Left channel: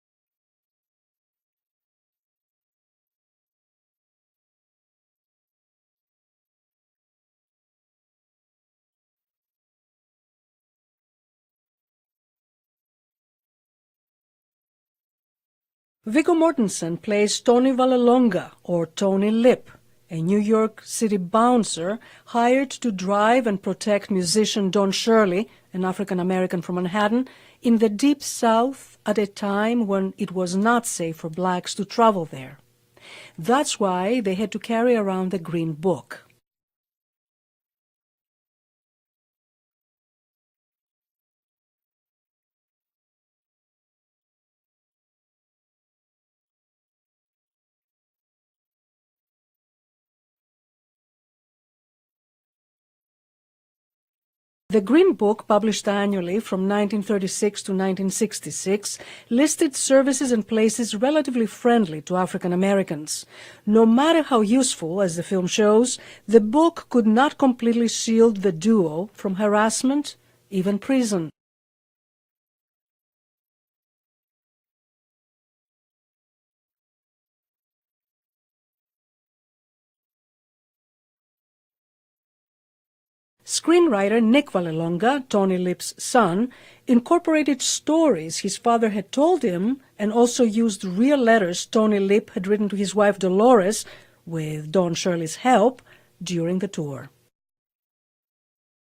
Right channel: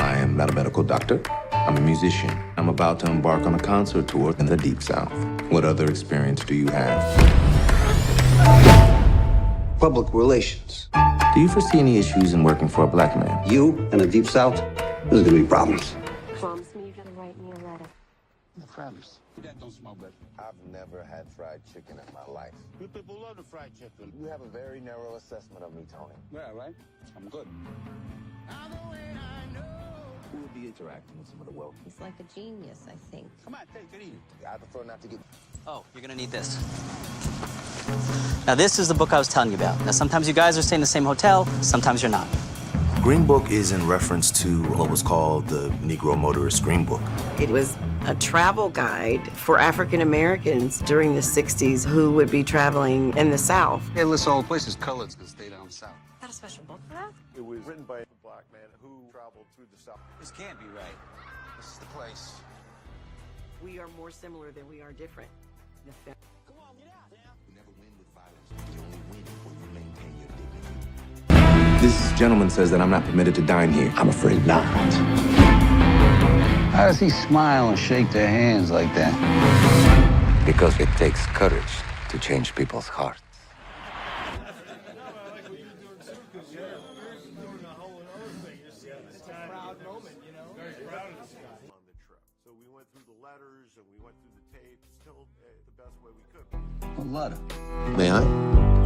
I am not a medical doctor. I'm a musician. I'm about to embark on a concert tour in the Deep South. What other experience do you have? Public relations. Do you foresee any issues in working for a black man? You in the Deep South, there's gonna be problems. Viggo Mortensen plays Tony Vallelonga, or Tony Lip, a New York City bouncer hired to drive and protect musician Don Shirley, an African-American from Manhattan, in the Deep South at a time when it was not safe for blacks to travel there. That's why they had to carry around the Green Book. You're gonna need this. Now, this is the book I was telling you about. Now, sometimes you guys are staying in the same hotel, sometimes you're not. Green Book is in reference to what was called the Negro Motorist Green Book. It was a travel guide for African Americans during the 60s who would be traveling in the South. It lists all the places. The Green Book, published annually from 1936 to 1966, listed services and places relatively friendly to African Americans. No matter how useful, as the film shows, the book could not completely shield the duo from harassment, even prison. This gentleman says that I'm not permitted to dine here. I'm afraid not. How does he smile and shake their hands like that? Because it takes courage to change people's hearts. Screenwriter Nick Vallelonga, Tony Lip's son, incorporated stories his father had told him and also used real letters Tony Lip had written to his wife Dolores, with Don Shirley's help, during the tour. May I?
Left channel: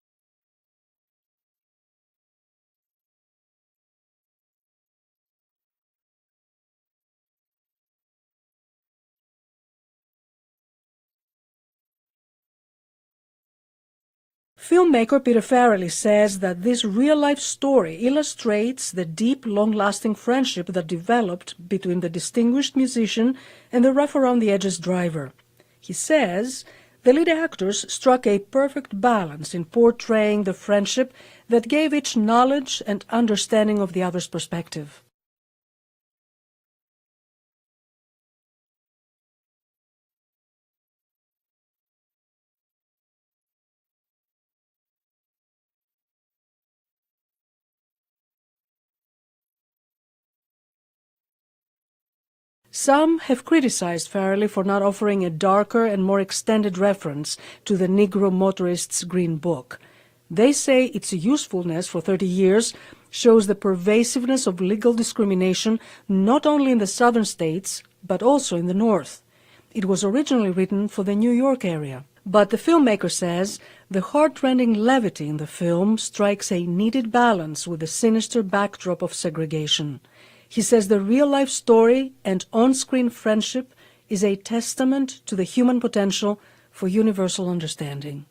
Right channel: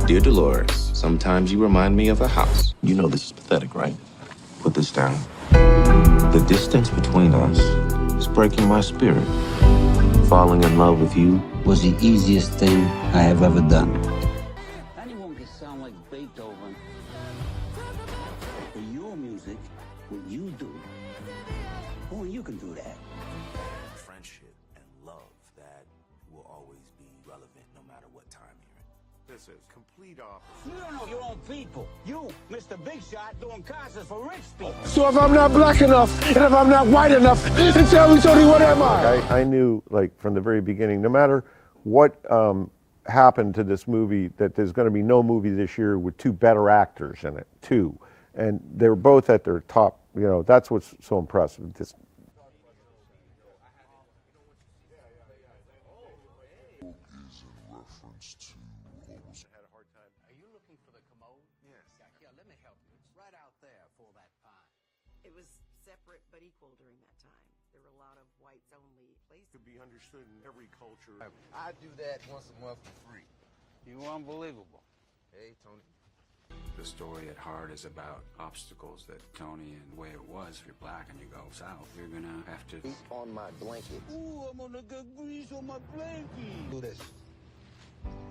Dear Dolores, sometimes you remind me of a house. You know this is pathetic, right? Put this down. The distance between us is breaking my spirit. Falling in love with you Was the easiest thing I have ever done. Filmmaker Peter Farrelly says that this real-life story illustrates the deep, long-lasting friendship that developed between the distinguished musician and the rough-around-the-edges driver. He says the lead actors struck a perfect balance in portraying the friendship that gave each knowledge and understanding of the other's perspective. So if I'm not black enough, and if I'm not white enough, then tell me, Tony, what am I? I knew, like, from the very beginning, no matter what happened to this movie, that there's going to be no movie this year with two better actors in it, two. And they're both at their top, you know, that's what's so impressive. Some have criticized Farrelly for not offering a darker and more extended reference to the Negro Motorist's Green Book. They say its usefulness for 30 years shows the pervasiveness of legal discrimination not only in the southern states, but also in the north. It was originally written for the New York area. But the filmmaker says the heart-rending levity in the film strikes a needed balance with the sinister backdrop of segregation. He says the real-life story and on-screen friendship is a testament to the human potential for universal understanding.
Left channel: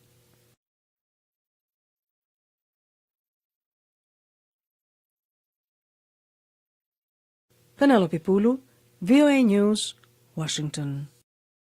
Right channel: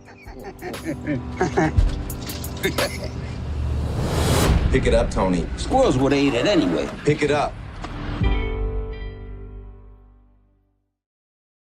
Pick it up, Tony. Squirrels would have ate it anyway. Pick it up. Penelope Poulou, VOA News, Washington.